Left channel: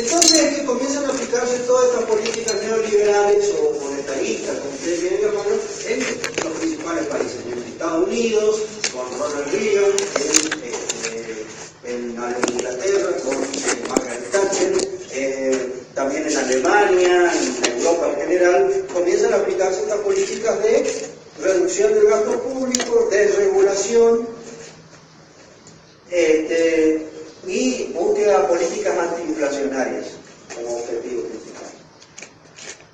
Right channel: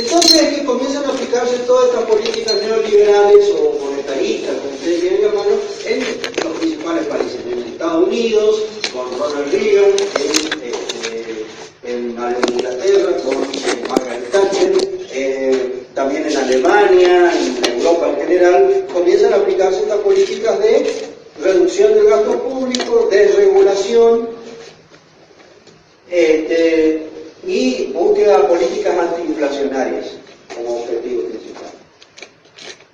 Entonces es que comienzan a aplicarse todas estas políticas neoliberales o monetaristas, como ustedes bien llaman, en los principales países, en Estados Unidos, con Ronald Reagan, en Inglaterra, con Margaret Thatcher, también en Alemania, en Europa en general, comienzan a aplicarse estas políticas de reducción del gasto público, desregulación, y búsqueda de políticas antiinflacionarias como objetivo principal.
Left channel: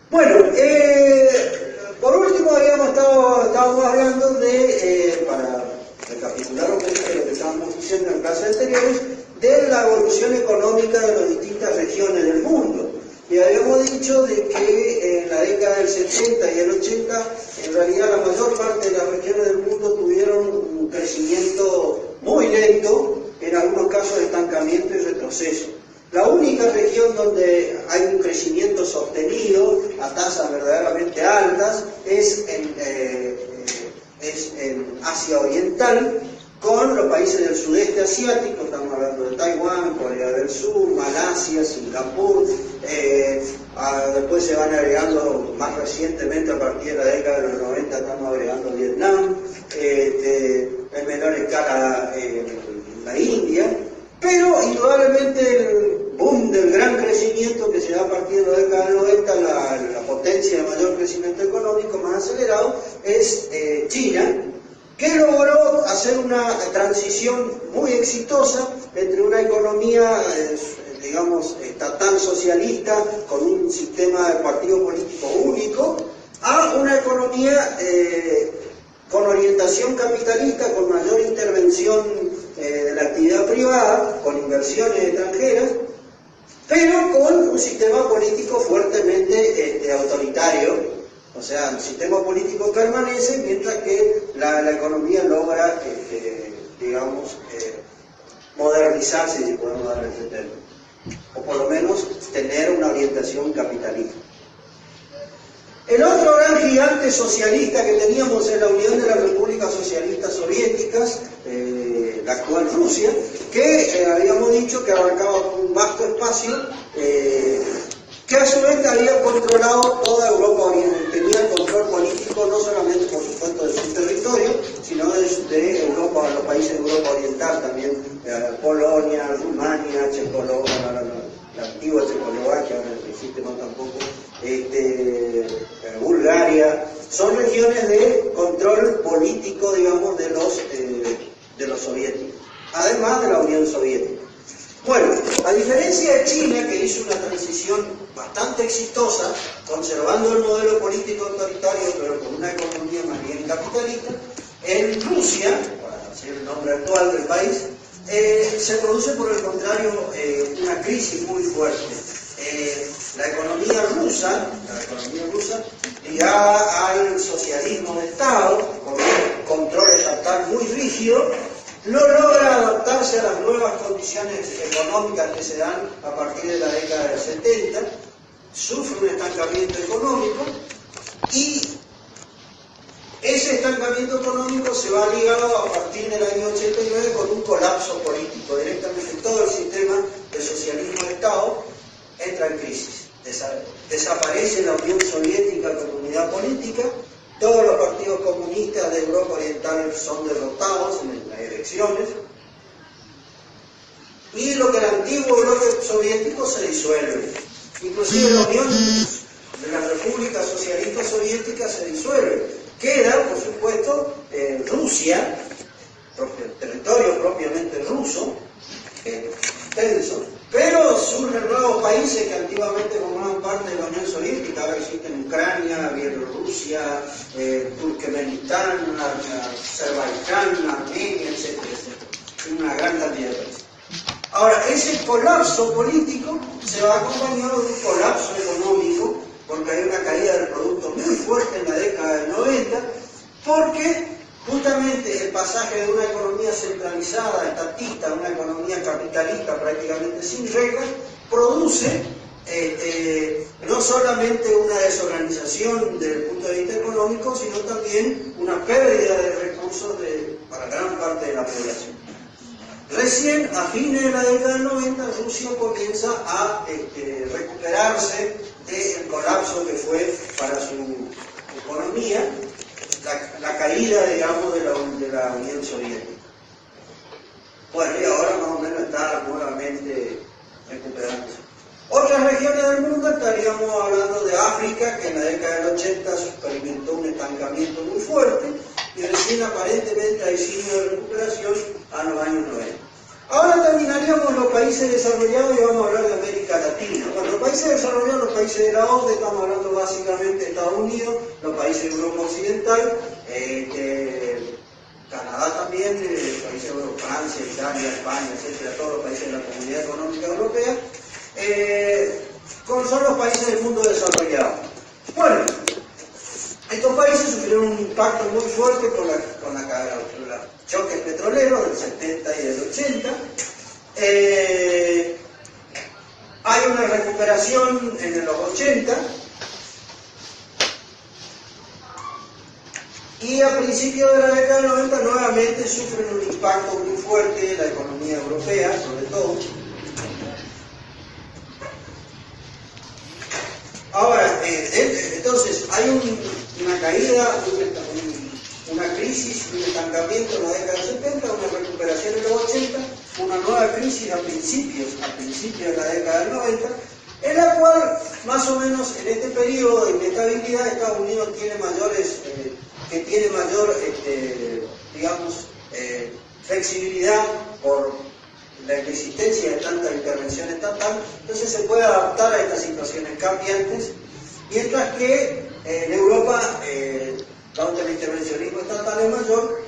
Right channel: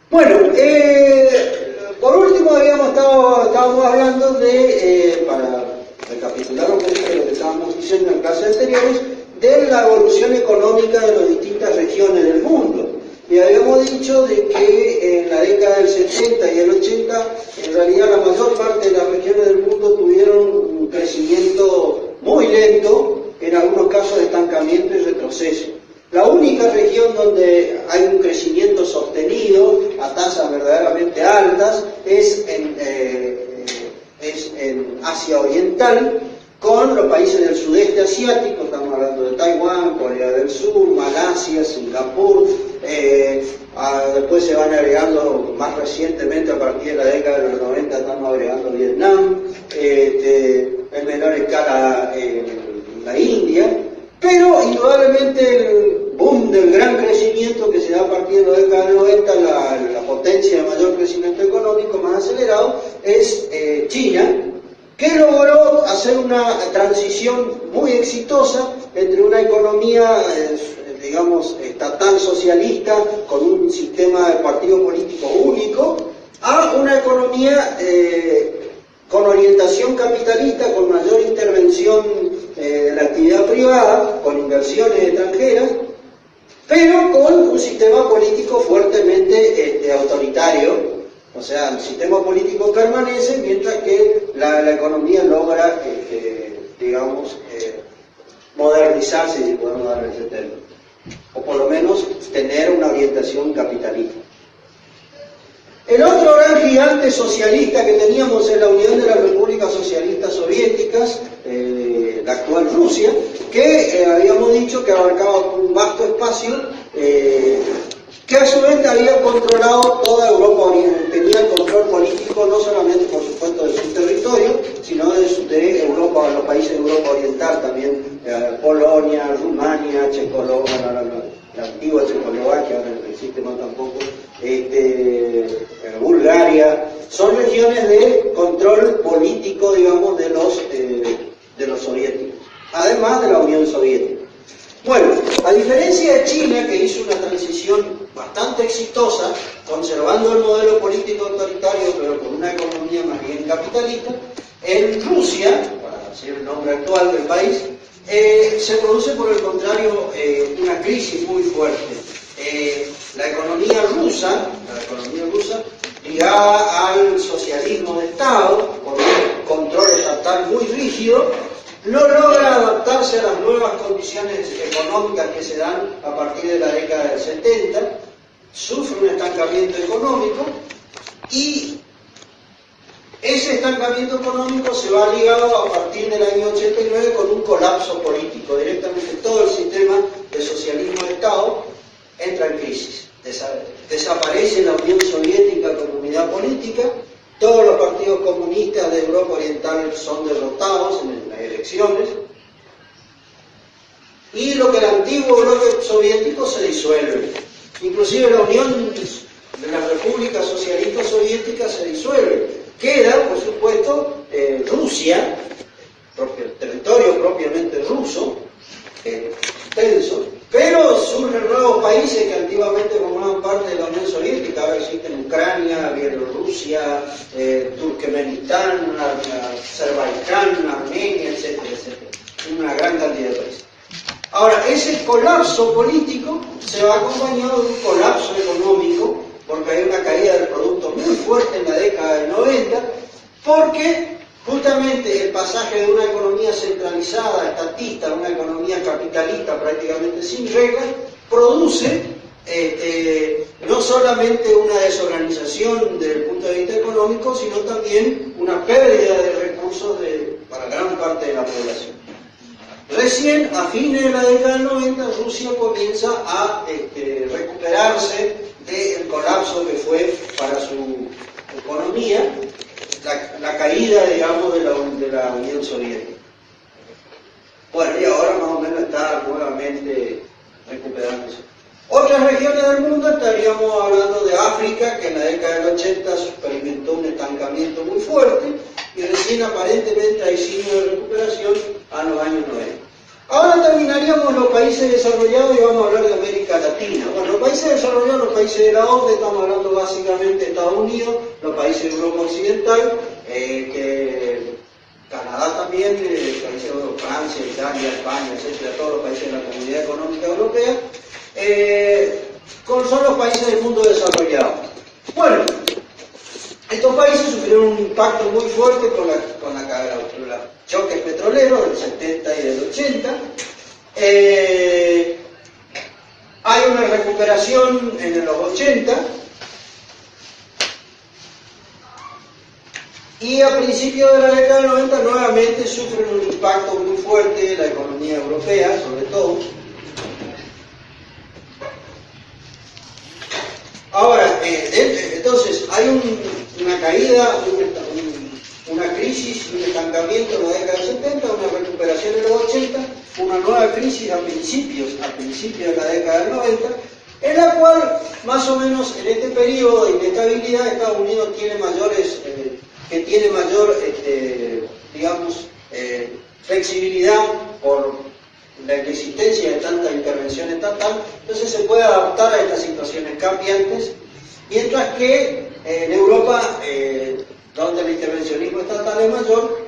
Bueno, por último estábamos hablando de, para recapitular un poquito lo que estábamos diciendo en clases anteriores, de la evolución económica de las distintas regiones del mundo. Y habíamos dicho de que en la década del 70 y el 80, en realidad la mayor parte de las regiones del mundo tuvieron un crecimiento muy lento, en algunos casos de estancamiento y retroceso. La única región donde hay un crecimiento sostenido a tasas verdaderamente altas es en Asia Oriental, con los países del sudeste asiático, estamos hablando de Taiwán, Corea del Sur, Malasia, Singapur, después se van agregando más recientemente, a partir de la década de los 90, estamos agregando Vietnam, en menor escala la India, pero indudablemente el boom del gran crecimiento que se da a partir de la década de 90, la potencia de mayor crecimiento económico más acelerado, es China, que logró hacer una transición muy exitosa entre una economía, digamos, estatal socialista, con un sistema de partido político único, a una economía con orientación capitalista, con mayor intervención de la actividad privada, con inversiones extranjeras, pero con un sistema político fuertemente autoritario. O sea, el sistema político permanece mientras que la economía logra, digamos, modernizarse, si podemos dar ese término, o por lo menos tener una orientación capitalista. El otro gran gigante socialista que teníamos en la Unión de las Repúblicas Socialistas Soviéticas, la actual Rusia, que habíamos dicho que abarcaba un vasto espacio, que a su vez había controlado toda Europa Oriental, tenía el control político no solamente, por supuesto, de su territorio, sino de Europa, los países de Europa Oriental también, Polonia, Rumania, Checoslovaquia, la antigua Checoslovaquia, ahora no existe más tampoco, Bulgaria, son regiones de control político, digamos, de los soviéticos, además de la Unión Soviética. Bueno, a diferencia de China, que hizo una transición bastante exitosa, conservando el modelo político autoritario, pero con una economía más bien capitalista, en Rusia, para decir el nombre actual del país, se produce por el contrario una crisis muy fuerte. La economía rusa, ligada al socialismo de Estado, con un control estatal muy rígido, no logra adaptarse a las nuevas condiciones económicas que se dan a partir de la década del 70, sufre un estancamiento económico y ese estancamiento económico se va ligado a partir del año 89 con un colapso político. Directamente todo el sistema de socialismo de Estado entra en crisis. Desaparece la Unión Soviética como unidad política, todos los partidos comunistas de Europa Oriental son derrotados en las elecciones, y lo que el antiguo bloque soviético se disuelve. Inclusive la Unión de las Repúblicas Socialistas Soviéticas se disuelve. Queda, por supuesto, Rusia, territorio propiamente ruso, extenso, pero surgen nuevos países que antiguamente formaban parte de la Unión Soviética. Ahora existen Ucrania, Bielorrusia, Turkmenistán, Azerbaiyán, Armenia, etcétera, etcétera. Una gran cantidad de países. Ahora, ese colapso político se va acompañado de un colapso económico, porque hay una caída del producto muy fuerte en la década del 90, porque justamente el pasaje de una economía centralizada, estatista, a una economía capitalista prácticamente sin reglas, produce no solamente una desorganización desde el punto de vista económico, sino también una pérdida de recursos para gran parte de la población. Recién, a fines de la década del 90, Rusia comienza a recuperarse del colapso que fue para su economía la caída, digamos, de la Unión Soviética. Bueno, y ahora más o menos está nuevamente recuperándose. Otras regiones del mundo estaríamos hablando de África, que en la década del 80 experimentó un estancamiento muy fuerte, y recién aparentemente hay signos de recuperación a los años 90. Ahora terminaríamos los países desarrollados y vamos a hablar de América Latina. Bueno, los países desarrollados, los países de la OCDE, estamos hablando básicamente de Estados Unidos, los países de Europa Occidental, Canadá también, países de Francia, Italia, España, etcétera, todos los países de la Comunidad Económica Europea, son los países del mundo desarrollado. Bueno, estos países sufrieron un impacto muy fuerte con los choques petroleros del 70 y del 80. Hay una recuperación en los 80 y a principios de la década del 90 nuevamente sufren un impacto muy fuerte en la economía europea, sobre todo. Ahora, entonces, hay una caída, una crisis, un estancamiento en la década del 70, una recuperación en los 80, una nueva crisis a principios de la década del 90, en la cual, más o menos, en este periodo de inestabilidad, Estados Unidos tiene mayor, digamos, flexibilidad por la inexistencia de tanta intervención estatal, entonces se puede adaptar a estas situaciones cambiantes, mientras que en Europa, donde el intervencionismo estatal es mayor,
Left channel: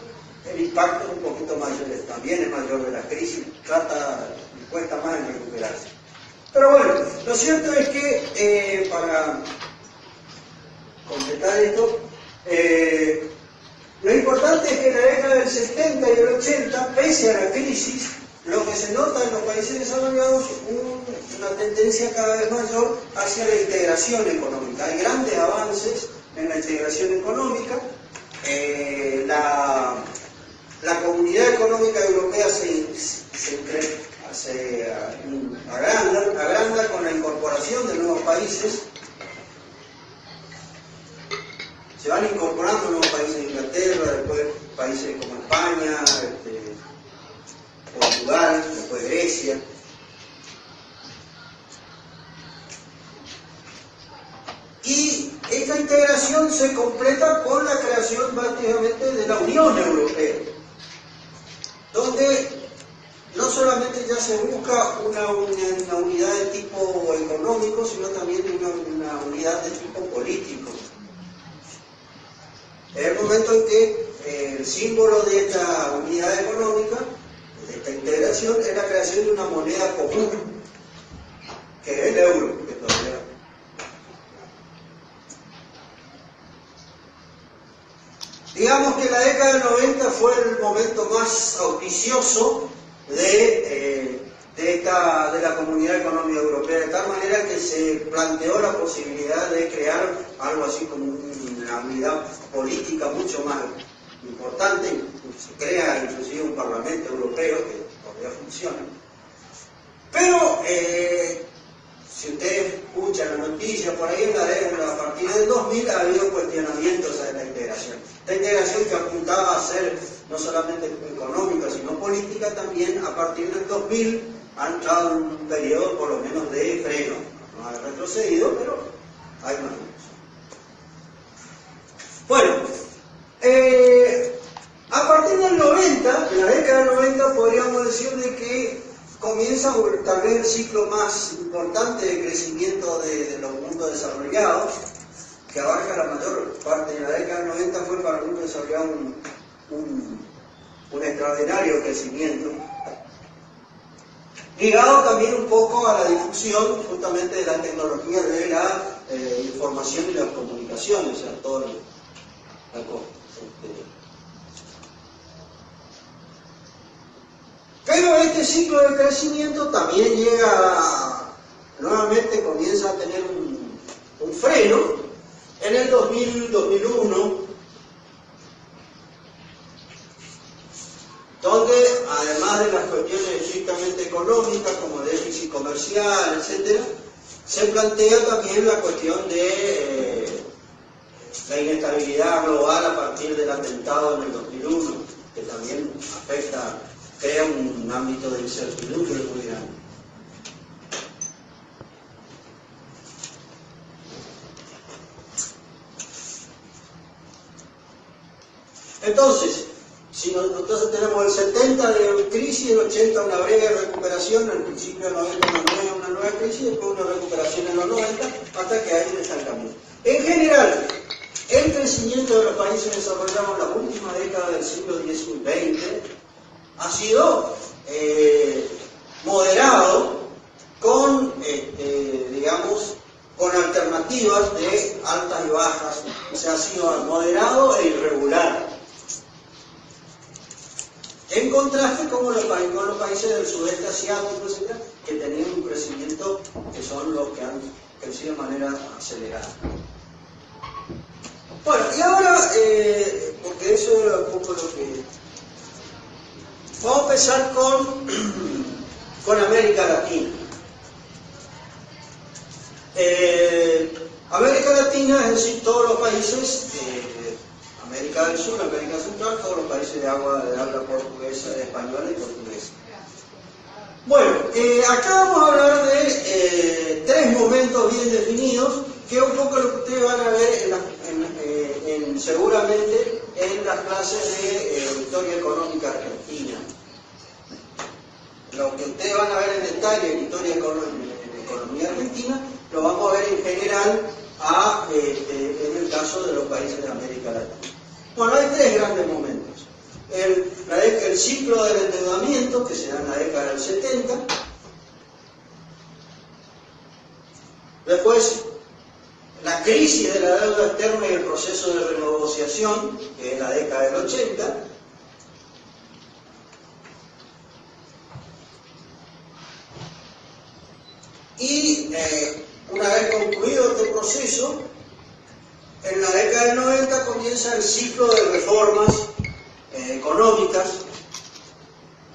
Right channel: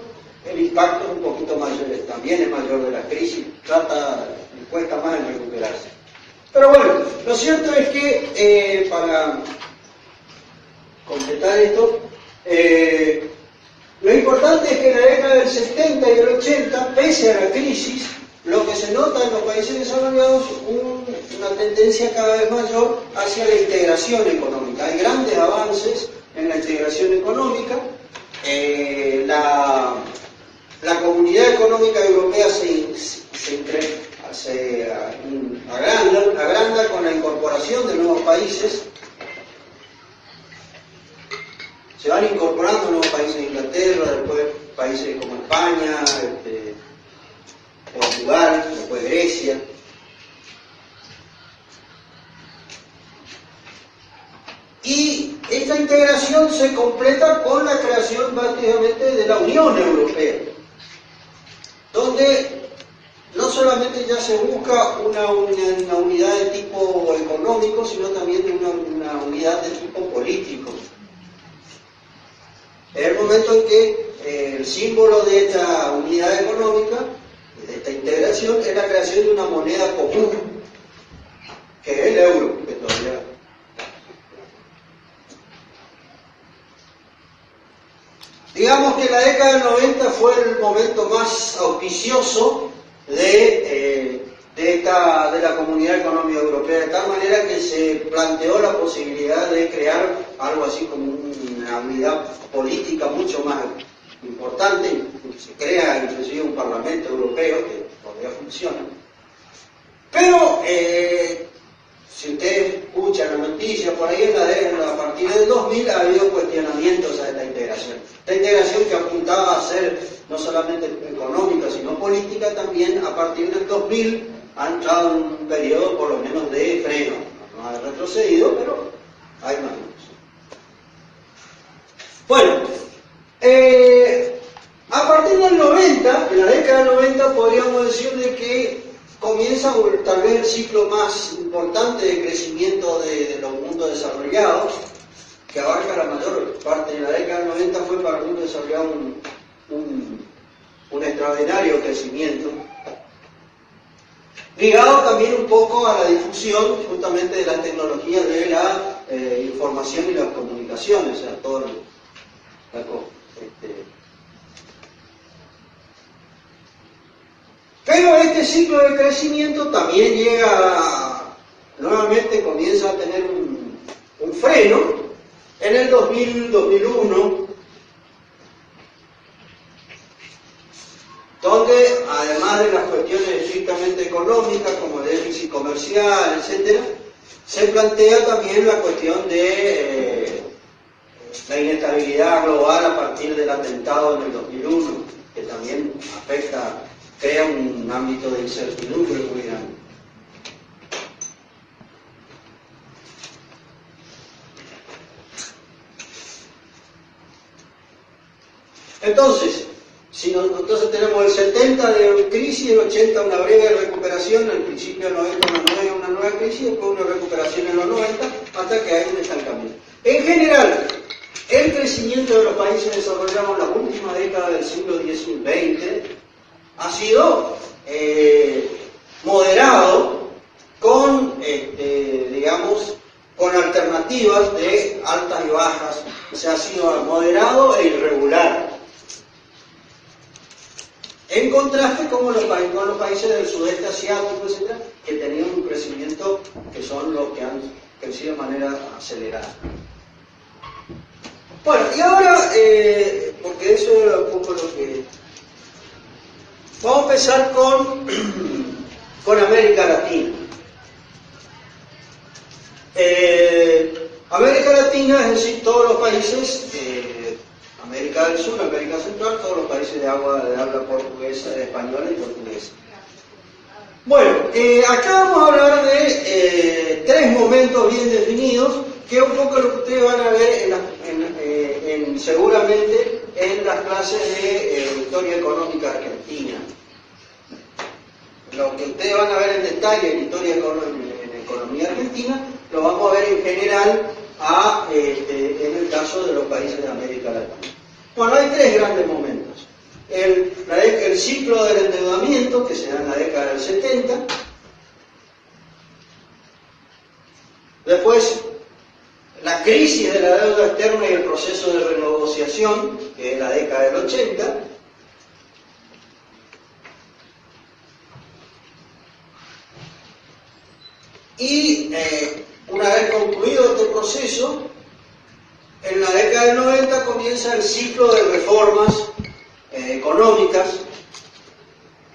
el impacto es un poquito mayor, también es mayor de la crisis, cuesta más en recuperarse. Pero bueno, lo cierto es que, para completar esto, lo importante es que en la década del 70 y del 80, pese a la crisis, lo que se nota en los países desarrollados es una tendencia cada vez mayor hacia la integración económica. Hay grandes avances en la integración económica. La Comunidad Económica Europea se agranda con la incorporación de nuevos países. Se van incorporando nuevos países de Inglaterra, después países como España, Portugal, después Grecia. Y esta integración se completa con la creación prácticamente de la Unión Europea, donde no solamente ya se busca una unidad de tipo económico, sino también una unidad de tipo político. Es el momento en que el símbolo de esta unidad económica, de esta integración, es la creación de una moneda común, que es el euro, que todavía. Digamos que la década del 90 fue el momento más auspicioso de la Comunidad Económica Europea, de tal manera que se planteó la posibilidad de crear algo así como una unidad política mucho más importante. Se crea inclusive un Parlamento Europeo que todavía funciona. Pero si ustedes escuchan noticias por ahí a partir del 2000 ha habido cuestionamientos a esta integración. Esta integración que apuntaba a ser no solamente económica sino política también, a partir del 2000 ha entrado en un periodo por lo menos de freno. No ha retrocedido, pero hay más. Bueno, a partir del 90, en la década del 90, podríamos decir de que comienza tal vez el ciclo más importante de crecimiento de los mundos desarrollados, que abarca la mayor parte de la década del 90, fue para el mundo desarrollado un extraordinario crecimiento, ligado también un poco a la difusión justamente de la tecnología de la información y las comunicaciones, o sea, todo pero este ciclo de crecimiento también nuevamente comienza a tener un freno en el 2000-2001, donde además de las cuestiones estrictamente económicas como el déficit comercial comercial, etc., se plantea también la cuestión de la inestabilidad global a partir del atentado en el 2001, que también afecta, crea un ámbito de incertidumbre muy grande. Entonces, entonces tenemos el 70 de crisis, el 80 una breve recuperación, al principio del 90 una nueva crisis, después una recuperación en los 90, hasta que hay un estancamiento. En general, el crecimiento de los países desarrollados en la última década del siglo XX ha sido moderado con, digamos, con alternativas de altas y bajas, o sea, ha sido moderado e irregular. En contraste con los países del sudeste asiático, etc., que tenían un crecimiento que son los que han crecido de manera acelerada. Bueno, y ahora, porque eso era un poco lo que... Vamos a empezar con América Latina. América Latina, es decir, todos los países, América del Sur, América Central, todos los países de habla portuguesa, española y portuguesa. Bueno, acá vamos a hablar de tres momentos bien definidos, que es un poco lo que ustedes van a ver seguramente en las clases de historia económica argentina. Lo que ustedes van a ver en detalle en historia en economía argentina, lo vamos a ver en general en el caso de los países de América Latina. Bueno, hay tres grandes momentos. El ciclo del endeudamiento, que se da en la década del 70. Después, la crisis de la deuda externa y el proceso de renegociación, que es la década del 80. Y una vez concluido este proceso, en la década del 90 comienza el ciclo de reformas económicas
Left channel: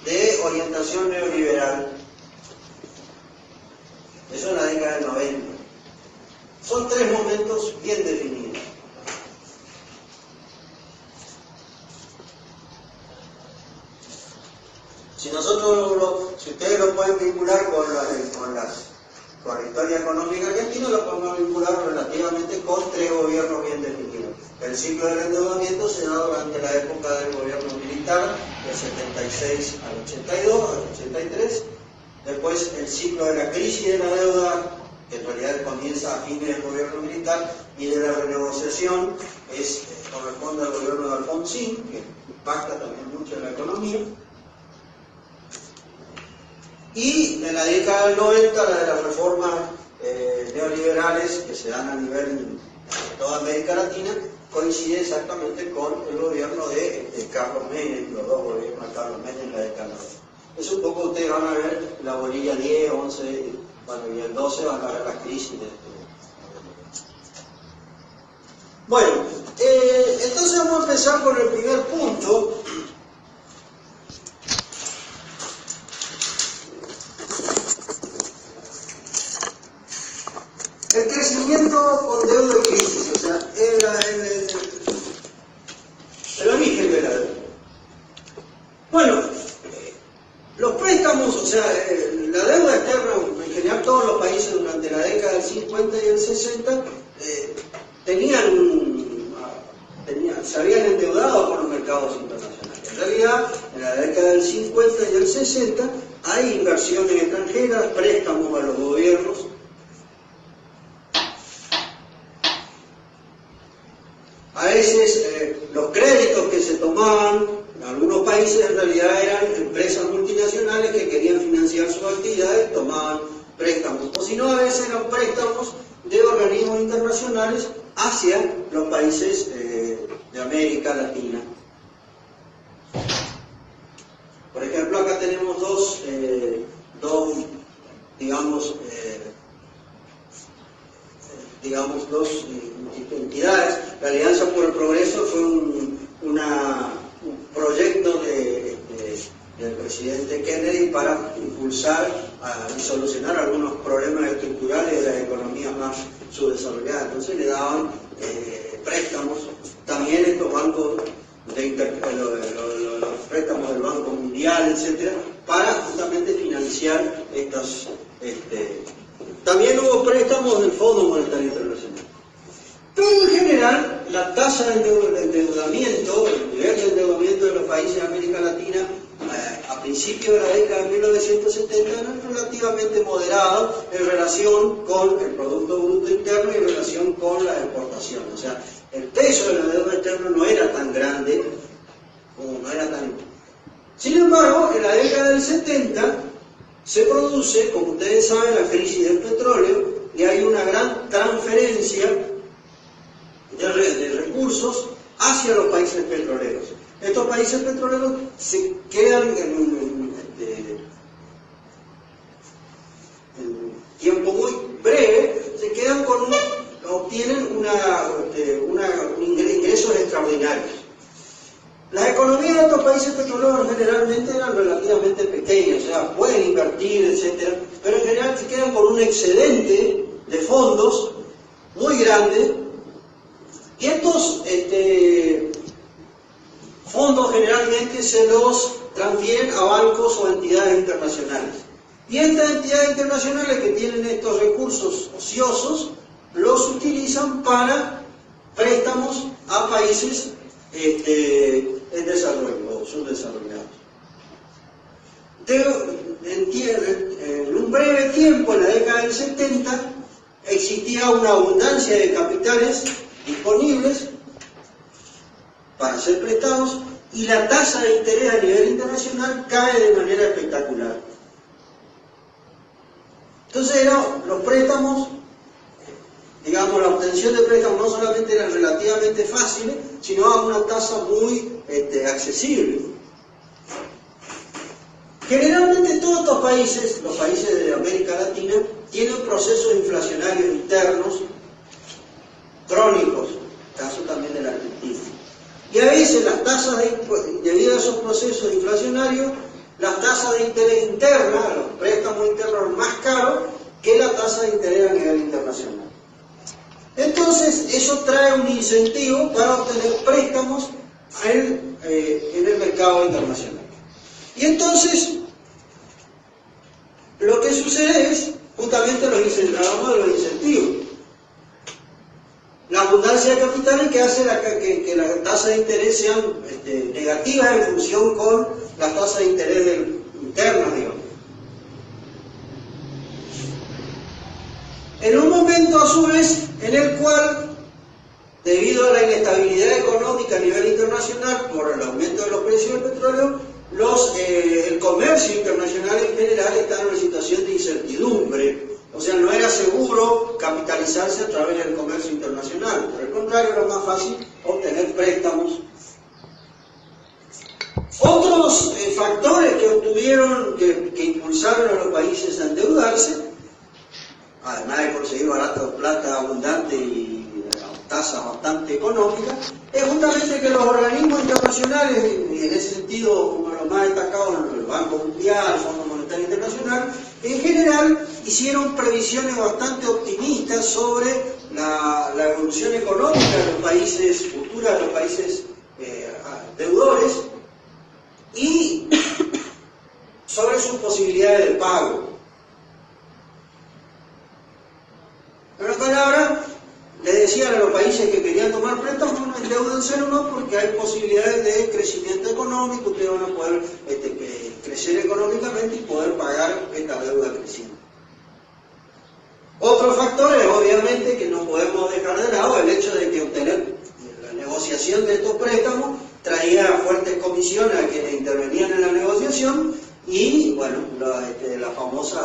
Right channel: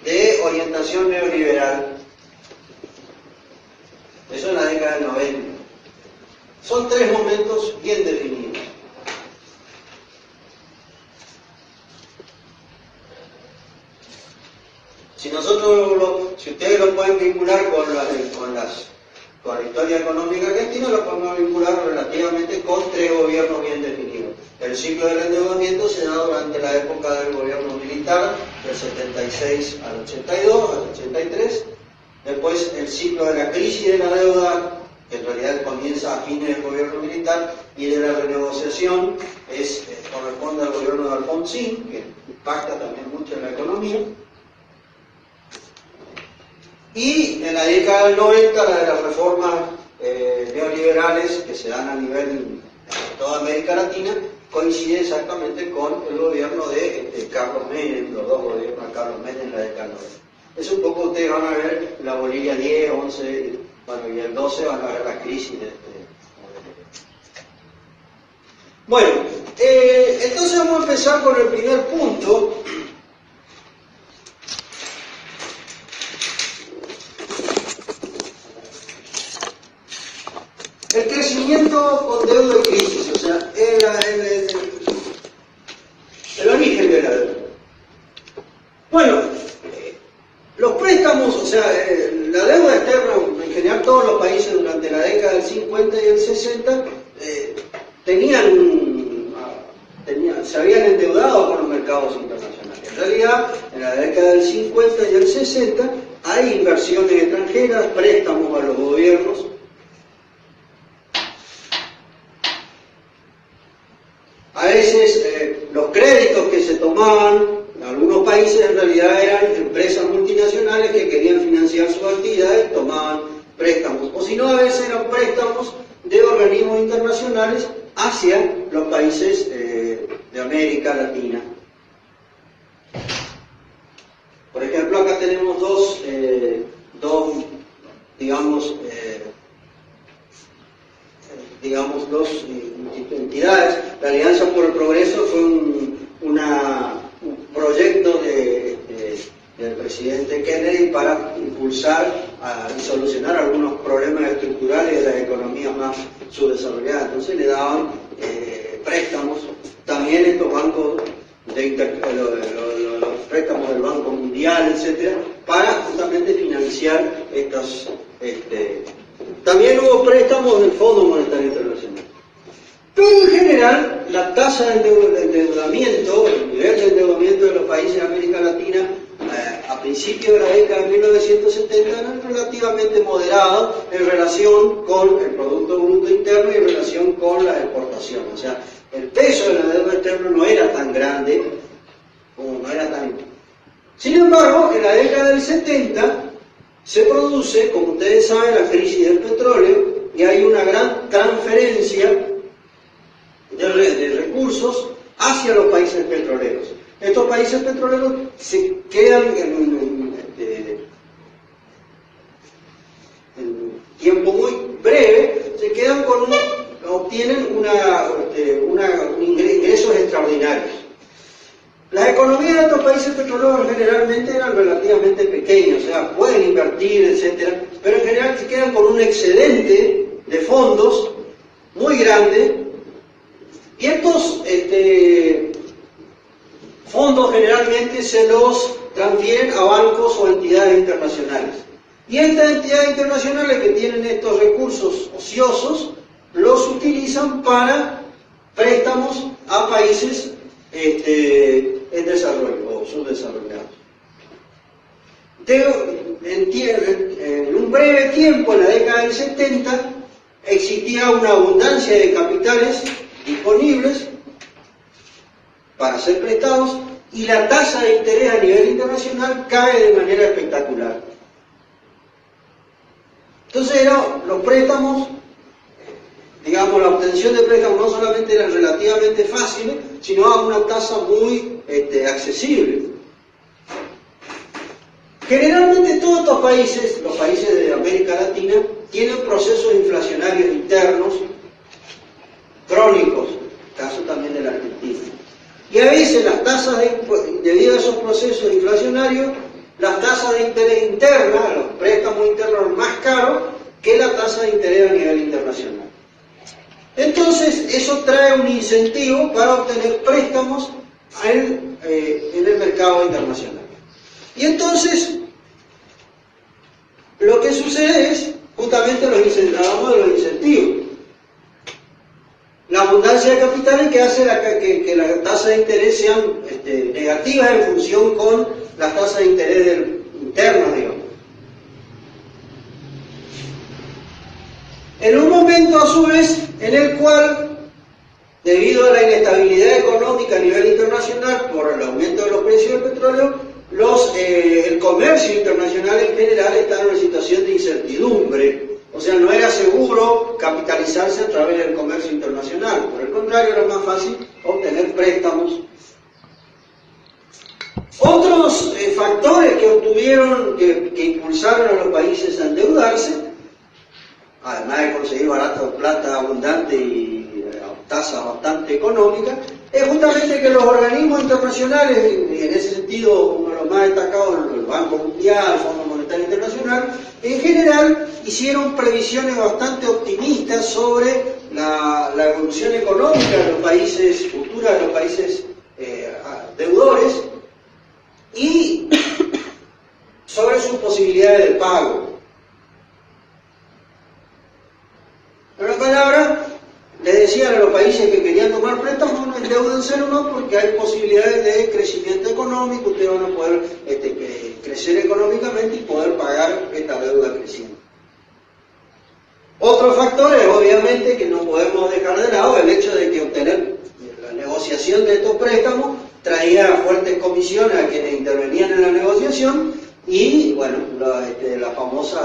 de orientación neoliberal. Eso en la década del 90. Son tres momentos bien definidos. Si ustedes lo pueden vincular con la historia económica argentina, lo podemos vincular relativamente con tres gobiernos bien definidos. El ciclo del endeudamiento se da durante la época del gobierno militar, del 76 al 82, al 83. Después el ciclo de la crisis de la deuda, que en realidad comienza a fines del gobierno militar, y de la renegociación corresponde al gobierno de Alfonsín, que impacta también mucho en la economía. Y en la década del 90, la de las reformas neoliberales que se dan a nivel de toda América Latina, coincide exactamente con el gobierno de Carlos Menem, los dos gobiernos de Carlos Menem en la década del 90. Eso un poco ustedes van a ver la bolilla 10, 11, bueno, y el 12 van a ver la crisis de Bueno, entonces vamos a empezar con el primer punto. El crecimiento con deuda y crisis, o sea, el origen de la deuda. Bueno, los préstamos, o sea, la deuda externa, en general todos los países durante la década del 50 y el 60 se habían endeudado con los mercados internacionales. En realidad, en la década del 50 y el 60 hay inversiones extranjeras, préstamos a los gobiernos. A veces los créditos que se tomaban en algunos países en realidad eran empresas multinacionales que querían financiar sus actividades, tomaban préstamos. O si no, a veces eran préstamos de organismos internacionales hacia los países de América Latina. Por ejemplo, acá tenemos dos entidades. La Alianza por el Progreso fue un proyecto del presidente Kennedy para impulsar y solucionar algunos problemas estructurales de las economías más subdesarrolladas. Entonces le daban préstamos, también estos bancos los préstamos del Banco Mundial, etcétera, para justamente financiar estas. También hubo préstamos del Fondo Monetario Internacional. Pero en general, la tasa de endeudamiento, el nivel de endeudamiento de los países de América Latina a principios de la década de 1970 era relativamente moderado en relación con el Producto Bruto Interno y en relación con la exportación. O sea, el peso de la deuda externa no era tan grande, como no era tan... Sin embargo, en la década del 70 se produce, como ustedes saben, la crisis del petróleo y hay una gran transferencia de recursos hacia los países petroleros. Estos países petroleros se quedan en tiempo muy breve, se quedan con obtienen ingresos extraordinarios. Las economías de estos países petroleros generalmente eran relativamente pequeñas, o sea, pueden invertir, etcétera, pero en general se quedan con un excedente de fondos muy grande. Y estos fondos generalmente se los transfieren a bancos o entidades internacionales. Y estas entidades internacionales que tienen estos recursos ociosos, los utilizan para préstamos a países en desarrollo o subdesarrollados. En un breve tiempo, en la década del 70, existía una abundancia de capitales disponibles para ser prestados y la tasa de interés a nivel internacional cae de manera espectacular. Entonces los préstamos, digamos, la obtención de préstamos no solamente eran relativamente fáciles, sino a una tasa muy accesible. Generalmente todos estos países, los países de América Latina, tienen procesos inflacionarios internos crónicos, caso también de la Argentina. Y a veces las tasas, debido a esos procesos inflacionarios, las tasas de interés internas, los préstamos internos son más caros que la tasa de interés a nivel internacional. Entonces, eso trae un incentivo para obtener préstamos en el mercado internacional. Y entonces, lo que sucede es, justamente hablamos de los incentivos. La abundancia de capitales que hace que las tasas de interés sean negativas en función con las tasas de interés internos, digamos. En un momento, a su vez, en el cual, debido a la inestabilidad económica a nivel internacional, por el aumento de los precios del petróleo, el comercio internacional en general está en una situación de incertidumbre. O sea, no era seguro capitalizarse a través del comercio internacional. Por el contrario, era más fácil obtener préstamos. Otros factores que impulsaron a los países a endeudarse, además de conseguir barato plata abundante y tasas bastante económicas, es justamente que los organismos internacionales, y en ese sentido, uno de los más destacados, el Banco Mundial, el Fondo Monetario Internacional, en general hicieron previsiones bastante optimistas sobre la evolución económica de los países, futura de los países deudores, y sobre sus posibilidades de pago. En otras palabras, le decían a los países que querían tomar préstamos, endeúdense no, porque hay posibilidades de crecimiento económico, ustedes van a poder crecer económicamente y poder pagar esta deuda creciente. Otro factor es, obviamente, que no podemos dejar de lado el hecho de que obtener la negociación de estos préstamos traía fuertes comisiones a quienes intervenían en la negociación y, bueno, la famosa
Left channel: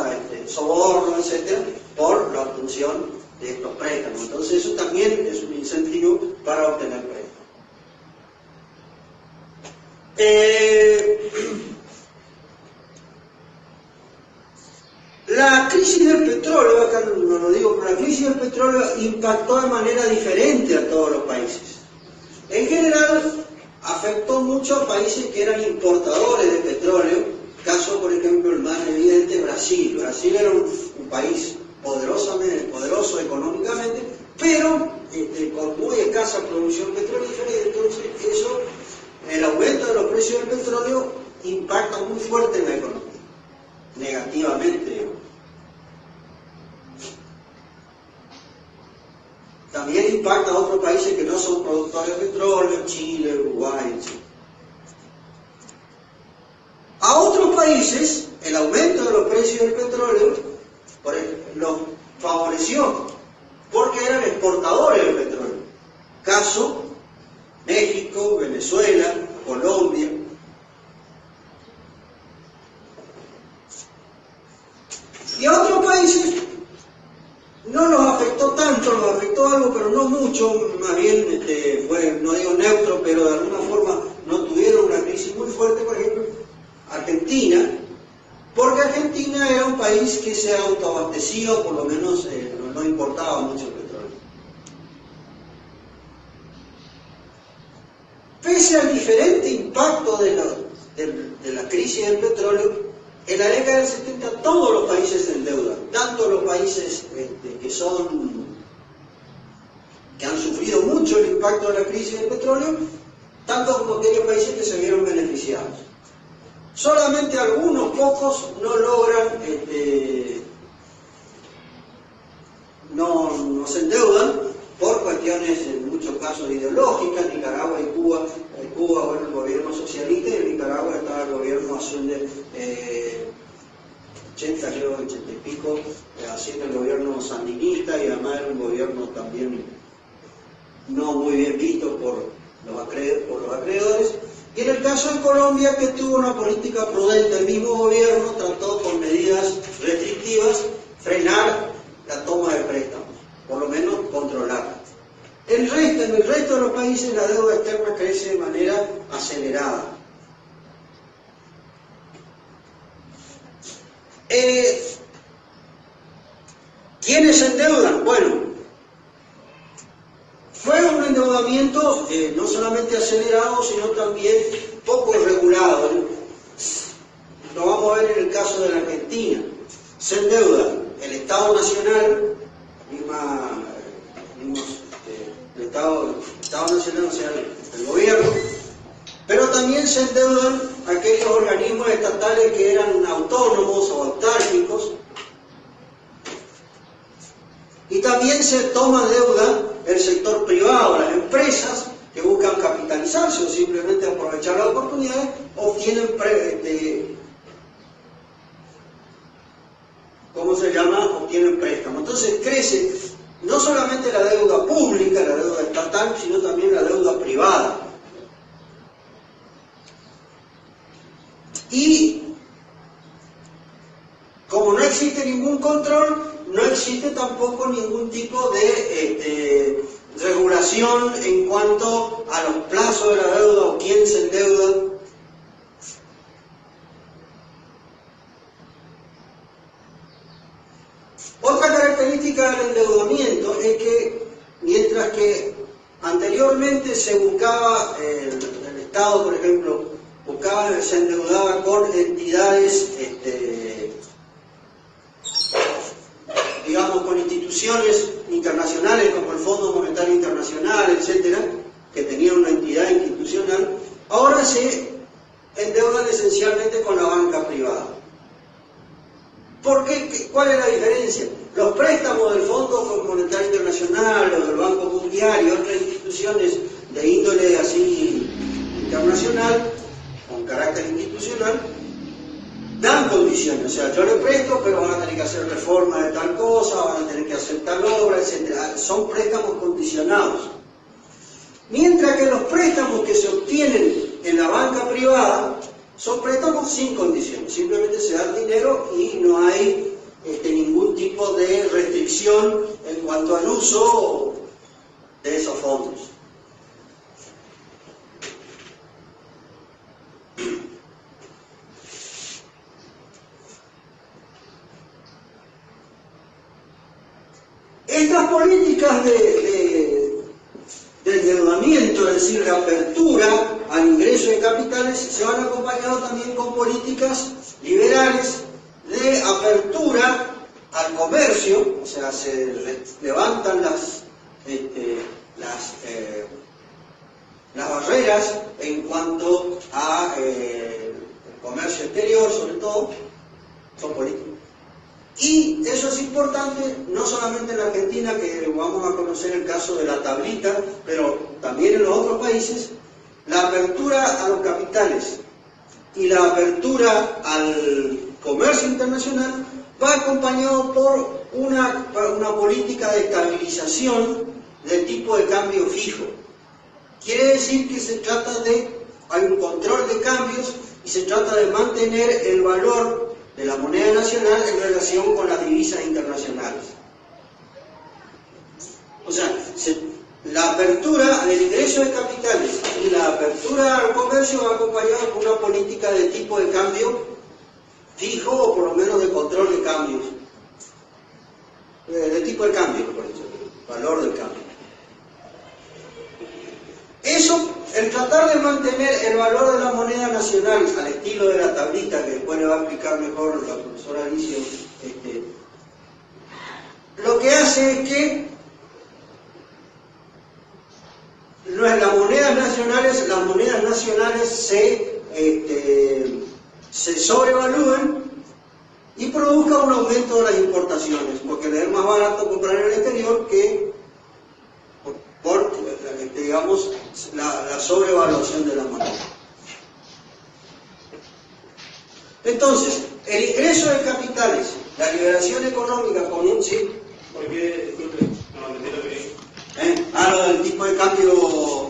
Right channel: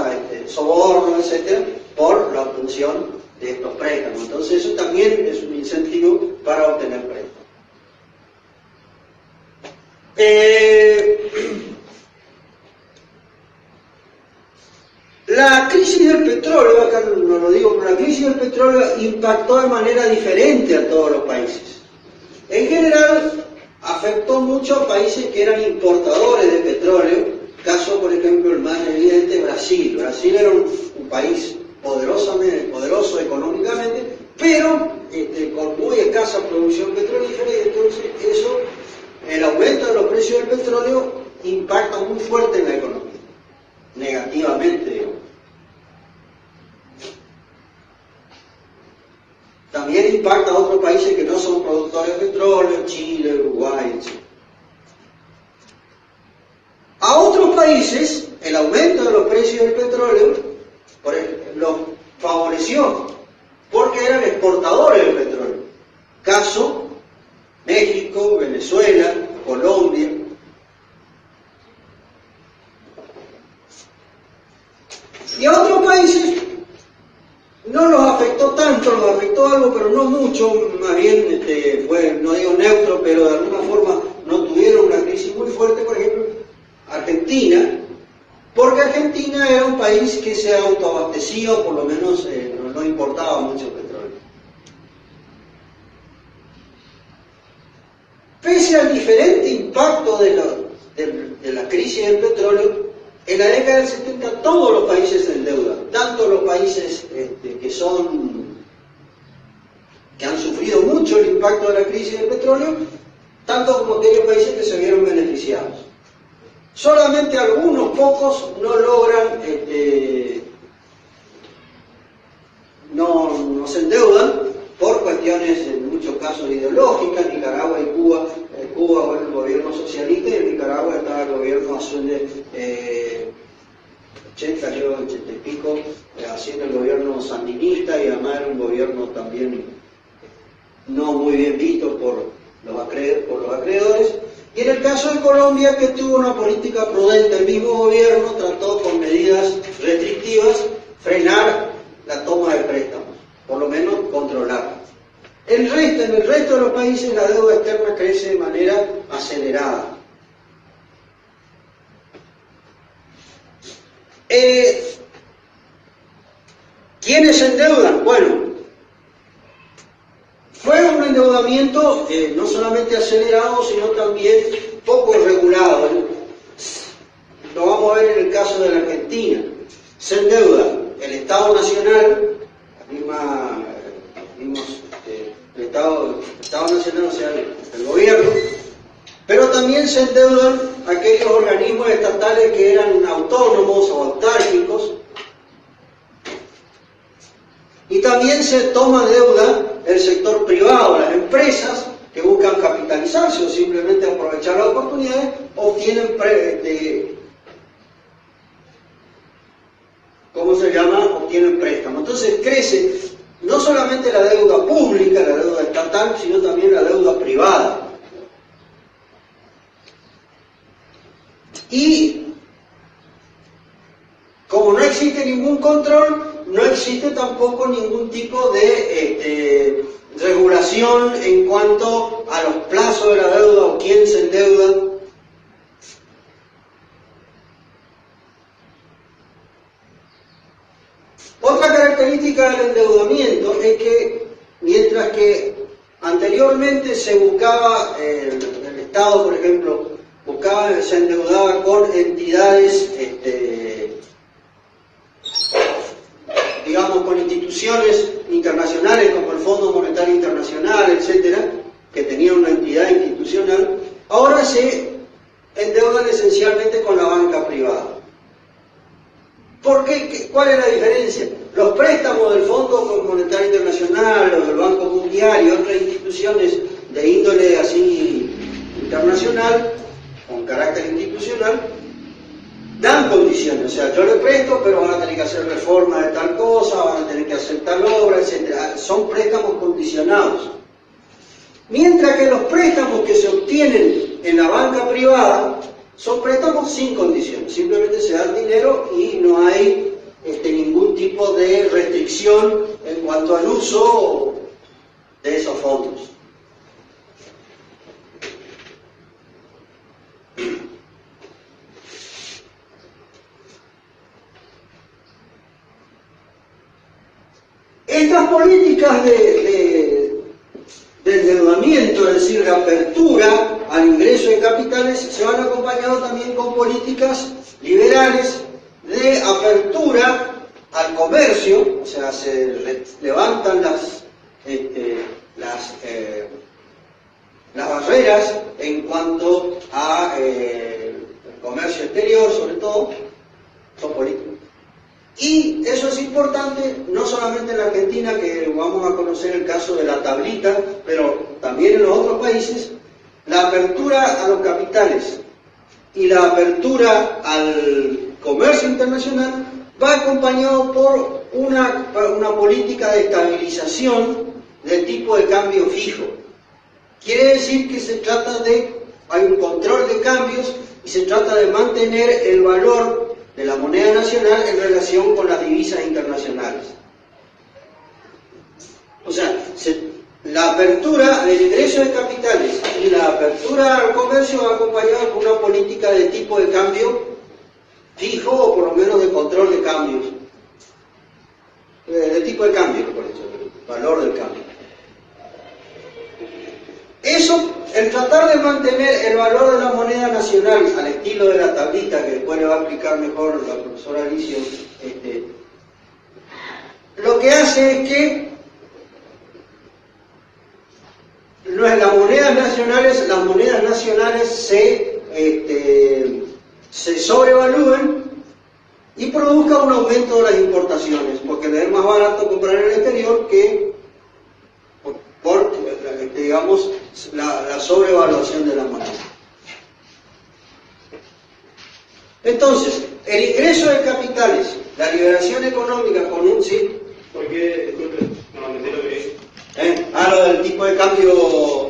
soborno, etcétera, por la obtención de estos préstamos. Entonces eso también es un incentivo para obtener préstamos. La crisis del petróleo, acá no lo digo, pero la crisis del petróleo impactó de manera diferente a todos los países. En general, afectó mucho a países que eran importadores de petróleo, caso por ejemplo el más evidente, Brasil. Brasil era un país poderoso económicamente, pero con muy escasa producción petrolífera, y entonces eso, el aumento de los precios del petróleo impacta muy fuerte en la economía, negativamente, digamos. También impacta a otros países que no son productores de petróleo, Chile, Uruguay, etc. A otros países, el aumento de los precios del petróleo los favoreció, porque eran exportadores del petróleo. Caso, México, Venezuela, Colombia. Y a otros países no los afectó tanto, los afectó algo, pero no mucho, más bien fue, no digo neutro, pero de alguna forma no tuvieron una crisis muy fuerte. Por ejemplo, Argentina, porque Argentina era un país que se autoabastecía, por lo menos no importaba mucho petróleo. Pese al diferente impacto de la crisis del petróleo, en la década del 70 todos los países se endeudan, tanto los países que han sufrido mucho el impacto de la crisis del petróleo, tanto como aquellos países que se vieron beneficiados. Solamente algunos pocos no logran, no se endeudan por cuestiones, en muchos casos, ideológicas. Nicaragua y Cuba. Cuba era el gobierno socialista y en Nicaragua estaba el gobierno azul de 80 y pico, haciendo el gobierno sandinista, y además era un gobierno también no muy bien visto por los acreedores. Y en el caso de Colombia, que tuvo una política prudente, el mismo gobierno trató con medidas restrictivas frenar la toma de préstamos, por lo menos controlarla. En el resto de los países la deuda externa crece de manera acelerada. ¿Quiénes se endeudan? Bueno, fue un endeudamiento no solamente acelerado, sino también poco regulado. Lo vamos a ver en el caso de la Argentina. Se endeuda el Estado Nacional, el Estado Nacional, o sea, el gobierno, pero también se endeudan aquellos organismos estatales que eran autónomos o autárquicos, y también se toma deuda el sector privado, las empresas que buscan capitalizarse o simplemente aprovechar la oportunidad, obtienen obtienen préstamos. Entonces crece no solamente la deuda pública, la deuda estatal, sino también la deuda privada. Y como no existe ningún control, no existe tampoco ningún tipo de regulación en cuanto a los plazos de la deuda o quién se endeuda. Otra característica del endeudamiento es que, mientras que anteriormente se buscaba, el Estado, por ejemplo, se endeudaba con entidades, digamos, con instituciones internacionales como el Fondo Monetario Internacional, etcétera, que tenía una entidad institucional, ahora se endeudan esencialmente con la banca privada. ¿Por qué? ¿Cuál es la diferencia? Los préstamos del Fondo Monetario Internacional o del Banco Mundial y otras instituciones de índole así internacional, con carácter institucional, dan condiciones. O sea, yo le presto, pero van a tener que hacer reformas de tal cosa, van a tener que hacer tal obra, etc. Son préstamos condicionados. Mientras que los préstamos que se obtienen en la banca privada son préstamos sin condiciones, simplemente se da el dinero y no hay ningún tipo de restricción en cuanto al uso de esos fondos. Estas políticas de endeudamiento, es decir, de apertura a al ingreso de capitales se van acompañados también con políticas liberales de apertura al comercio, o sea, se levantan las barreras en cuanto a comercio exterior, sobre todo, son políticos. Y eso es importante, no solamente en la Argentina, que vamos a conocer el caso de la tablita, pero también en los otros países, la apertura a los capitales y la apertura al comercio internacional va acompañado por una política de estabilización del tipo de cambio fijo. Quiere decir que se trata hay un control de cambios y se trata de mantener el valor de la moneda nacional en relación con las divisas internacionales. O sea, la apertura del ingreso de capitales y la apertura al comercio va acompañada con una política de tipo de cambio fijo o por lo menos de control de cambios. De tipo de cambio, por eso, valor del cambio. Eso, el tratar de mantener el valor de la moneda nacional al estilo de la tablita, que después le va a explicar mejor la profesora Alicia, lo que hace es que las monedas nacionales se sobrevalúen y produzca un aumento de las importaciones, porque le es más barato comprar en el exterior que por digamos, la sobrevaluación de la moneda. Entonces, el ingreso de capitales, la liberación económica con un sí, porque lo del tipo de cambio